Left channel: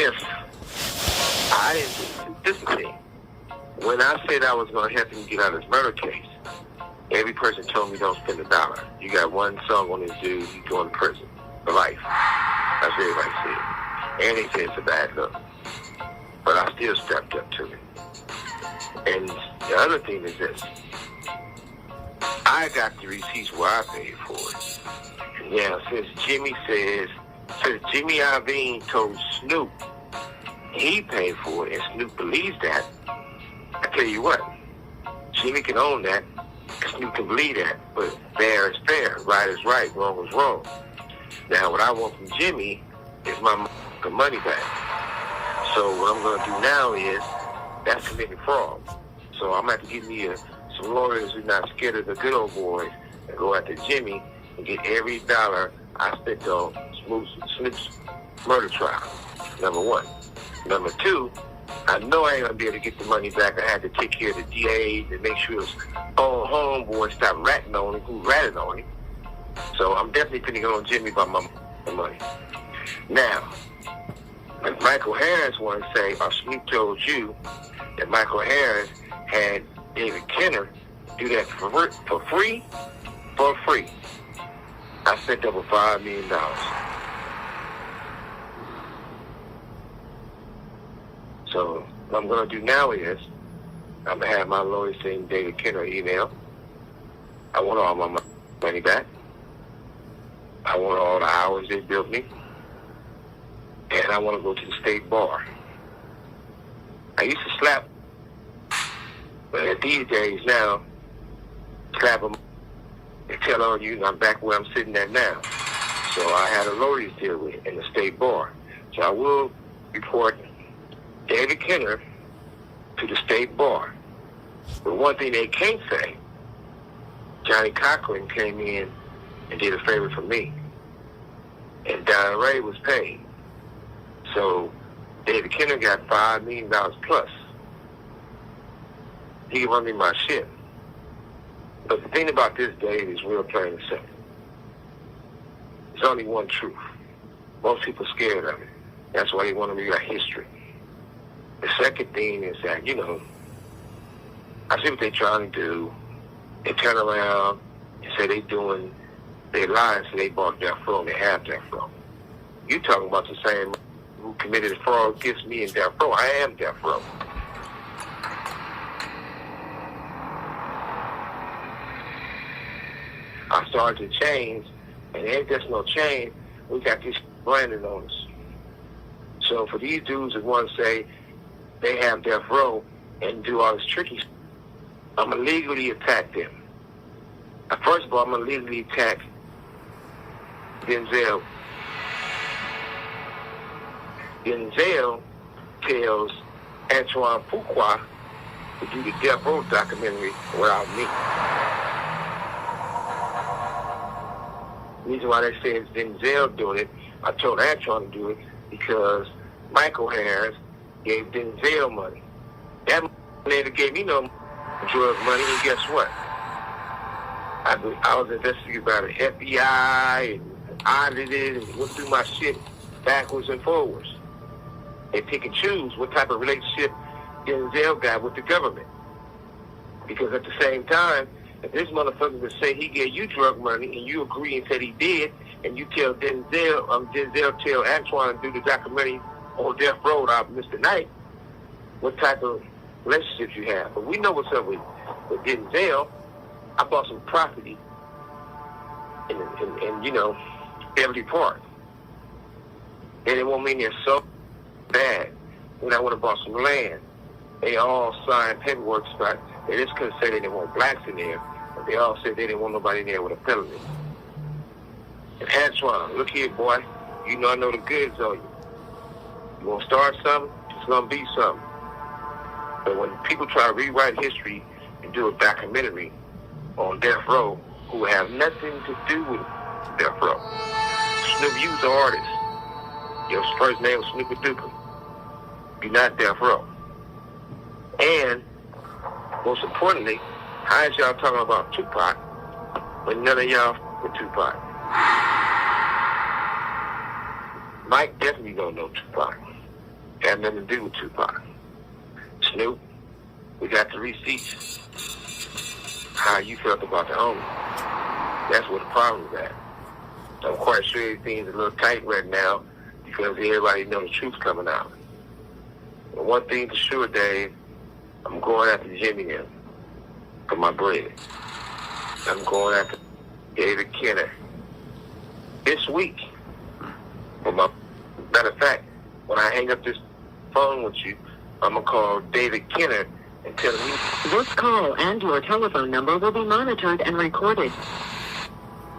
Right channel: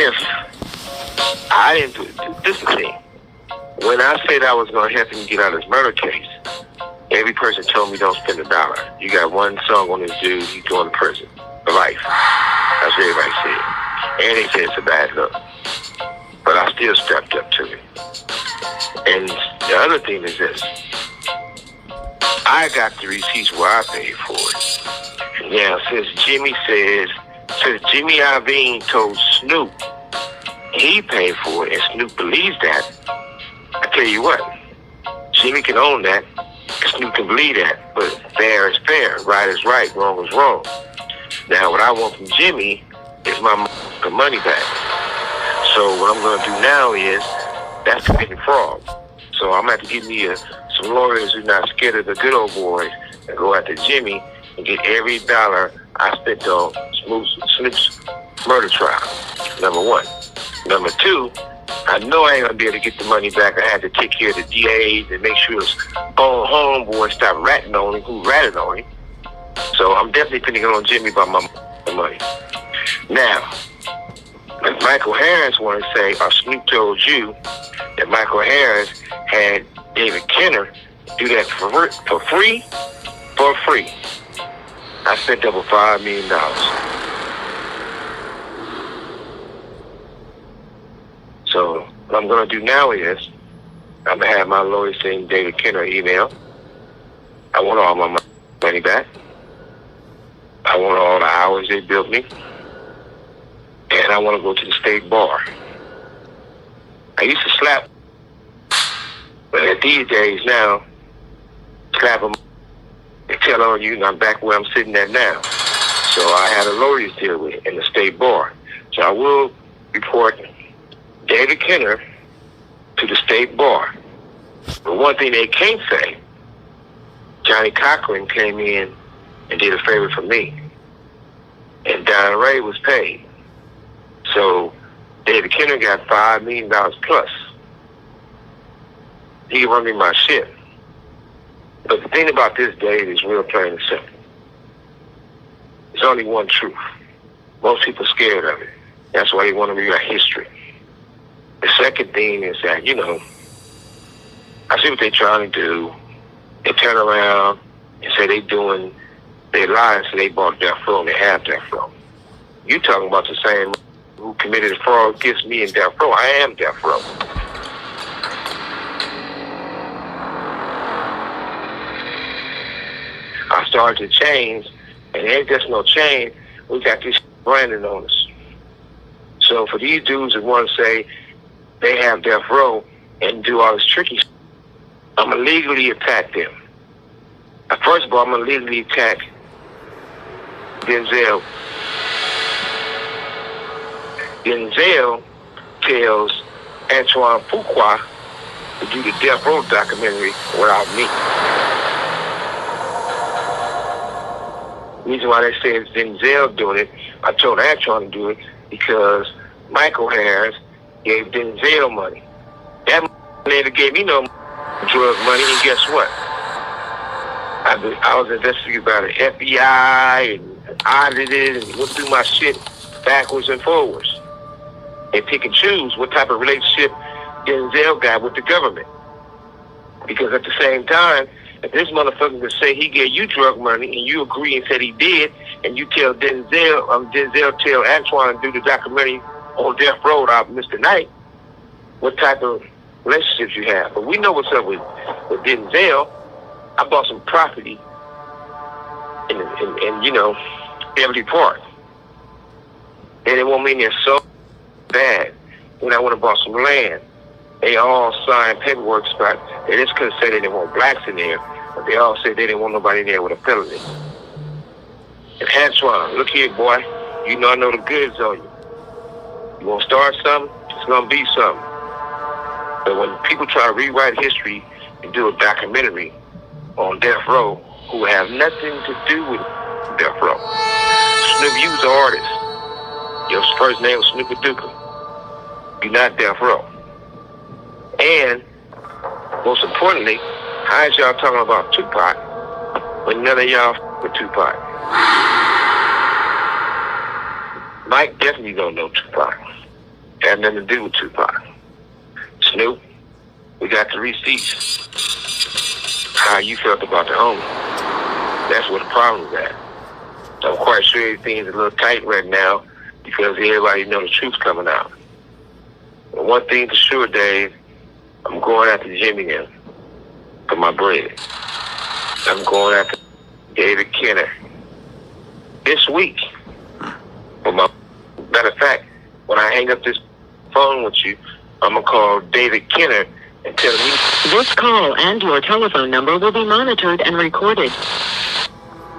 If I didn't, this is the thing. When I said I was going to help him get out of his murder case, every person told me don't spend $1. You got one song on this dude, he's going to prison for life. That's what everybody said. And they said it's a bad look. But I still stepped up to it. And the other thing is this. I got the receipts where I paid for it. Now, since Jimmy Iovine told Snoop he paid for it, and Snoop believes that, I tell you what, Jimmy can own that, Snoop can believe that, but fair is fair, right is right, wrong is wrong. Now, what I want from Jimmy is my money back. So what I'm going to do now is, that's committing fraud. So I'm going to have to give me some lawyers who are not scared of the good old boys and go after Jimmy and get every dollar I spent on Snoop's murder trial, number one. Number two, I know I ain't going to be able to get the money back. I had to take care of the DAs and make sure his own homeboy stopped ratting on him, who ratted on him. So I'm definitely putting it on Jimmy about my money. Now, if Michael Harris want to say, or Snoop told you that Michael Harris had David Kenner do that for free, I spent over $5 million. So what I'm going to do now is I'm going to have my lawyer send David Kenner an email. I want all my money back. I want all the hours they built me. And I want to go to the state bar. I used to slap, but at these days now, slap them, they tell on you, and I'm back where I'm sitting at now. So I had a lawyer's deal with it in the state bar. So I will report David Kenner to the state bar. But one thing they can't say, Johnny Cochran came in and did a favor for me. And Don Ray was paid. So David Kenner got $5 million plus. He can run me my shit. But the thing about this, Dave, is real plain and simple. There's only one truth. Most people are scared of it. That's why they want to rewrite history. The second thing is that, I see what they're trying to do. They turn around and say they lie and say they bought death row and they have death row. You talking about the same who committed a fraud against me in death row. I am death row. I started to change, and there ain't just no change. We got this branding on us. So for these dudes that want to say they have death row and do all this tricky stuff, I'm going to legally attack them. First of all, I'm going to legally attack Denzel. Denzel tells Antoine Fuqua to do the Death Row documentary without me. The reason why they say it's Denzel doing it, I told Antoine to do it because Michael Harris gave Denzel money. That never gave me no drug money, and guess what? I was investigated by the FBI and audited and went through my shit backwards and forwards. They pick and choose what type of relationship Denzel got with the government. Because at the same time, if this motherfucker would say he gave you drug money and you agree and said he did, and you tell Denzel tell Antoine to do the documentary on Death Row out Mr. Knight, what type of relationships you have. But we know what's up with Denzel. I bought some property in Beverly Park. And they want me in there so bad. Then I went and bought some land. They all signed paperwork spot. They just couldn't say they didn't want blacks in there, but they all said they didn't want nobody in there with a felony. And Antoine, look here, boy. I know the goods on you. You want to start something? It's going to be something. But when people try to rewrite history and do a documentary on Death Row, who have nothing to do with Death Row. Snoop, you was an artist. Your first name was Snoop Duka. You're not Death Row. And, most importantly, how is y'all talking about Tupac when none of y'all with Tupac? Mike definitely don't know Tupac. Had nothing to do with Tupac. Snoop, we got the receipts. How you felt about the homie. That's what the problem is at. I'm quite sure everything's a little tight right now because everybody knows the truth's coming out. But one thing for sure, Dave, I'm going after Jimmy now for my bread. I'm going after David Kenner this week. For my matter of fact, when I hang up this phone with you, I'm gonna call David Kenner and tell him this call and your telephone number will be monitored and recorded.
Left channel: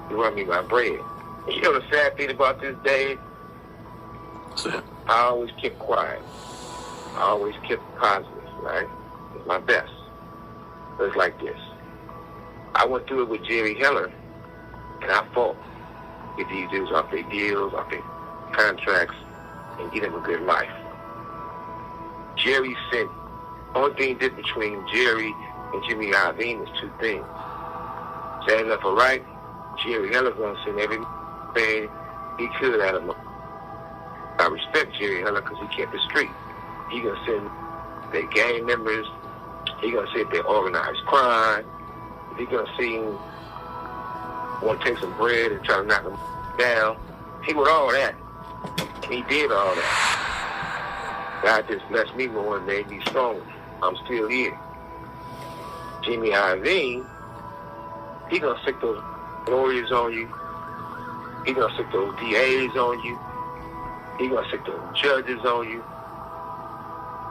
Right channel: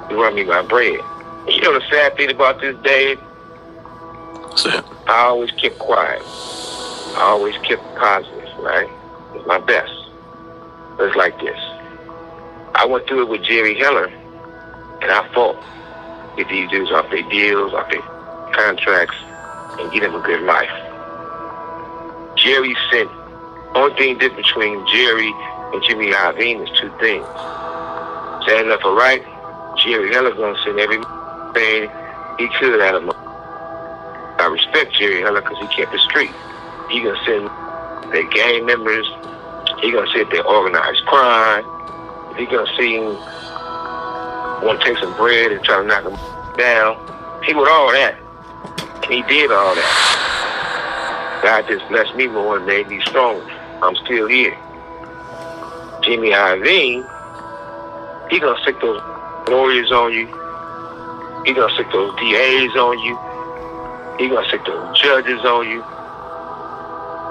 You run me my bread. And you know the sad thing about this, Dave? What's that? I always kept quiet. I always kept positive, right? It's my best. But it's like this. I went through it with Jerry Heller, and I fought. Get these dudes off their deals, off their contracts, and get them a good life. Jerry sent, only thing different between Jerry and Jimmy Iovine is two things. Say enough for right, Jerry Heller's gonna send everything he could out of him. I respect Jerry Heller because he kept the street. He gonna send their gang members, he gonna send their organized crime, he gonna see him want to take some bread and try to knock him down. He would all that. And he did all that. God just blessed me more and made me stronger. I'm still here. Jimmy Iovine, he gonna stick those lawyers on you. He gonna stick those DAs on you. He gonna stick those judges on you.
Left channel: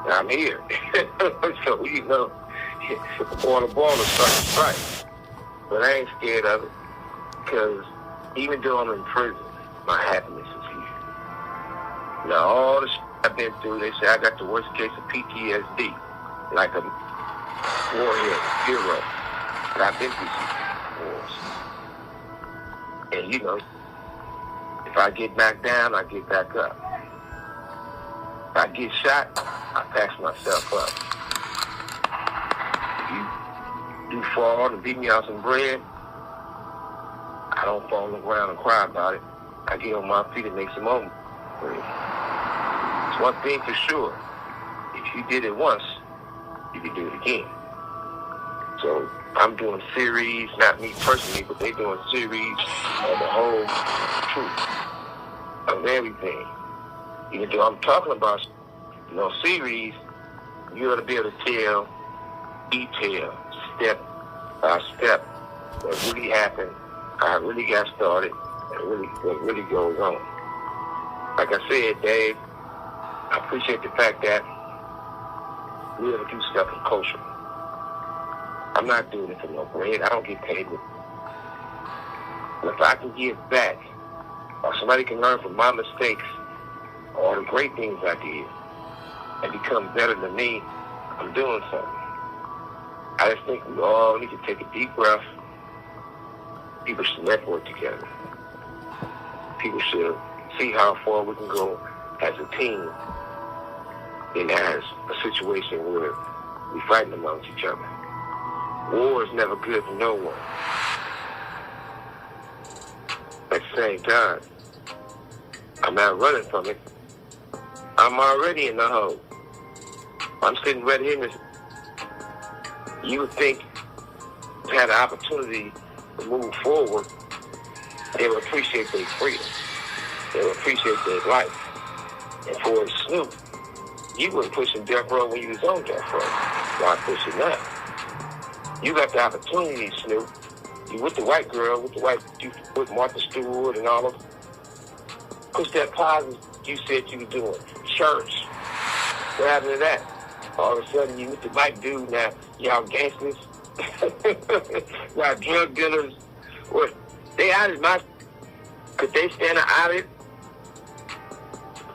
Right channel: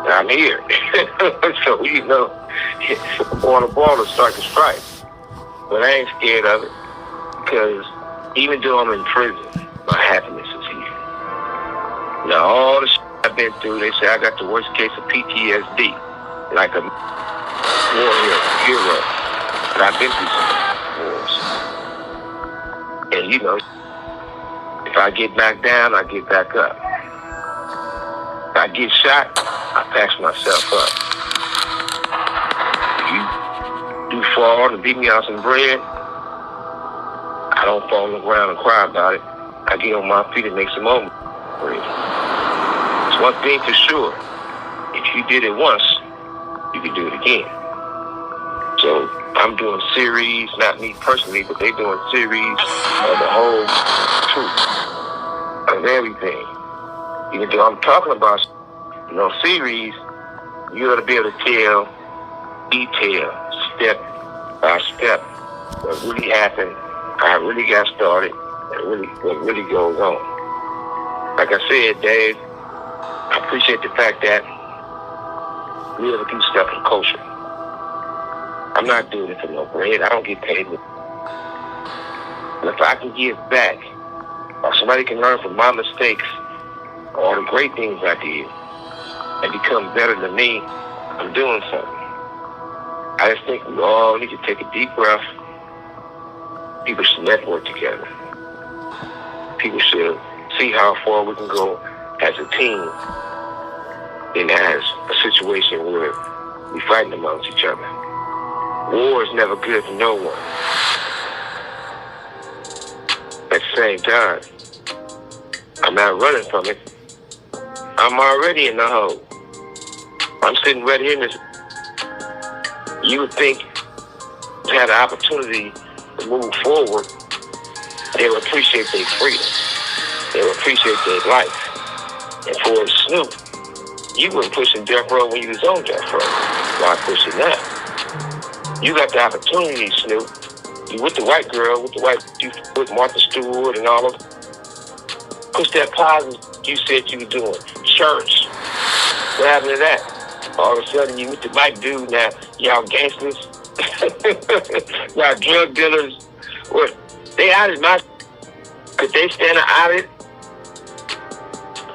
And I'm here. So, you know, on the ball to start to strike. But I ain't scared of it. Because even though I'm in prison, my happiness is here. Now, all the shit I've been through, they say I got the worst case of PTSD. Like a warrior, hero. But I've been through some wars. And, you know, if I get back down, I get back up. If I get shot, I patch myself up. If you do fall and beat me out some bread, I don't fall on the ground and cry about it. I get on my feet and make some more bread. It's one thing for sure. If you did it once, you can do it again. So I'm doing series, not me personally, but they doing series of the whole truth of everything. Even though I'm talking about series, you ought to be able to tell detail, step by step, what really happened, how it really got started, and what really goes on. Like I said, Dave, I appreciate the fact that we have a few stuff in culture. I'm not doing it for no bread. I don't get paid. But if I can give back, or somebody can learn from my mistakes, or the great things I did, and become better than me, I'm doing something. I just think we all need to take a deep breath. People should network together. People should see how far we can go as a team and as a situation where we're fighting amongst each other. War is never good for no one. At the same time, I'm not running from it. I'm already in the hole. I'm sitting right here in this. You would think to have the opportunity to move forward, they would appreciate their freedom. They would appreciate their life. And for Snoop, you weren't pushing death row when you was on death row. Why push it now? You got the opportunity, Snoop. You with the white girl, you with Martha Stewart and all of them. Push that positive you said you were doing. Church. What happened to that? All of a sudden, you with the white dude now. Y'all gangsters. Y'all drug dealers. What? They out of my... Could they stand an audit?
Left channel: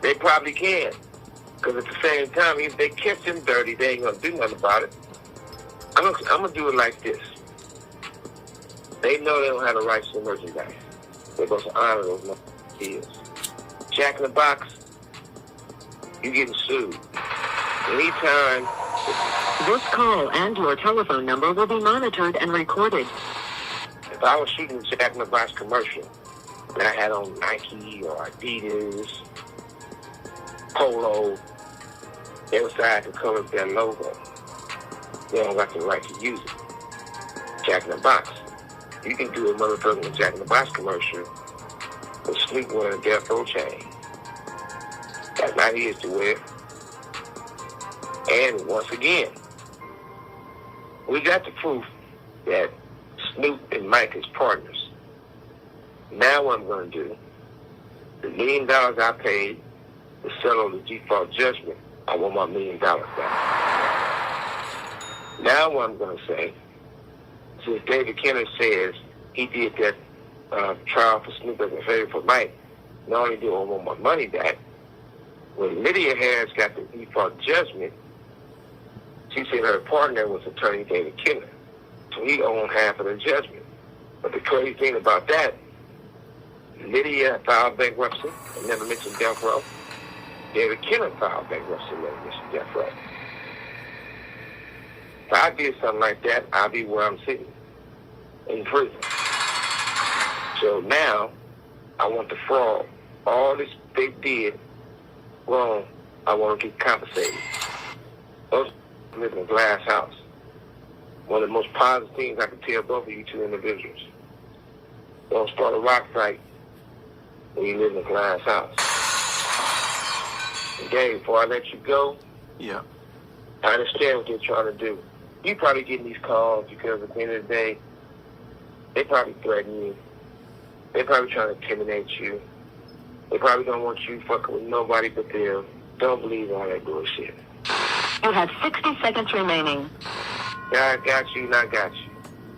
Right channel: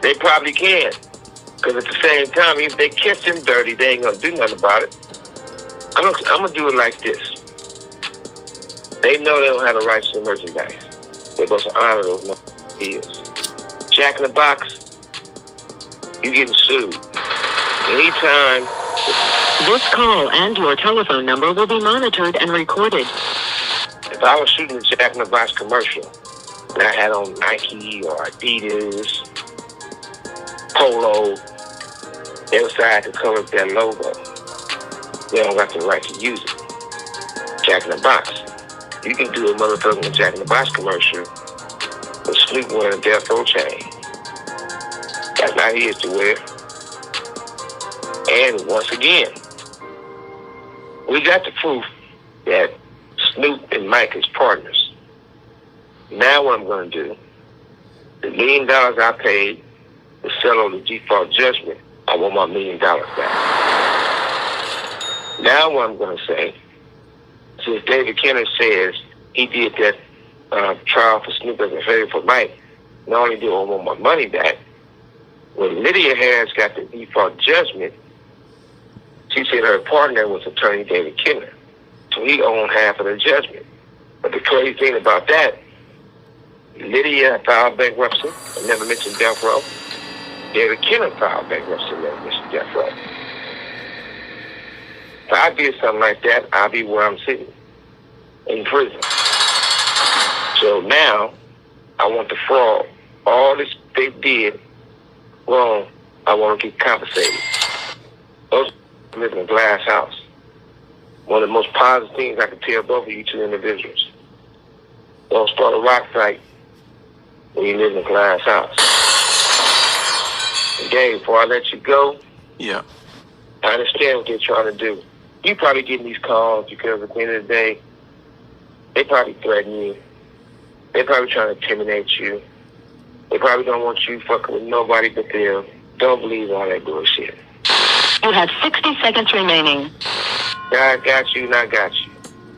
They probably can. Because at the same time, if they catch them dirty, they ain't going to do nothing about it. I'm going to do it like this. They know they don't have the rights to the merchandise. They're supposed to honor those deals. Jack in the Box, you getting sued. Anytime. This call and your telephone number will be monitored and recorded. If I was shooting a Jack in the Box commercial and I had on Nike or Adidas polo, inside the color of their logo. They don't got the right to use it. Jack in the Box. You can do a motherfucking Jack in the Box commercial with Snoop wearing a Death Row chain. That's not his to wear. And once again, we got the proof that Snoop and Mike is partners. Now what I'm going to do, the $1 million I paid to settle the default judgment, I want my $1 million back. Now what I'm going to say, since David Kenner says he did that trial for Snoop as a favor for Mike, not only do I want my money back, when Lydia Harris got the default judgment, she said her partner was attorney David Kenner. So he owned half of the judgment. But the crazy thing about that, Lydia filed bankruptcy and never mentioned death row. David Kenner filed bankruptcy and never mentioned death row. If I did something like that, I'll be where I'm sitting, in prison. So now, I want the fraud. All this they did wrong, I want to get compensated. Those live in a glass house. One of the most positive things I can tell both of you two individuals. Don't start a rock fight when you live in a glass house. And Dave, before I let you go, Yeah. I understand what they're trying to do. You probably getting these calls because at the end of the day, they probably threaten you. They probably trying to intimidate you. They probably don't want you fucking with nobody but them. Don't believe all that bullshit. You have 60 seconds remaining. God got you, and I got you.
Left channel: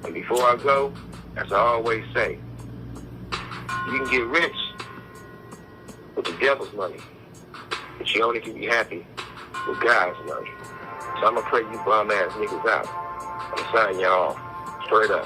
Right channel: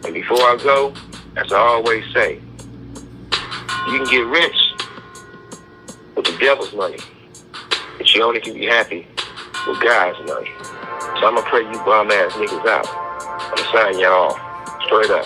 And before I go, as I always say, you can get rich with the devil's money, but you only can be happy with God's money. So I'm going to pray you bum-ass niggas out. I'm signing y'all off. Straight up.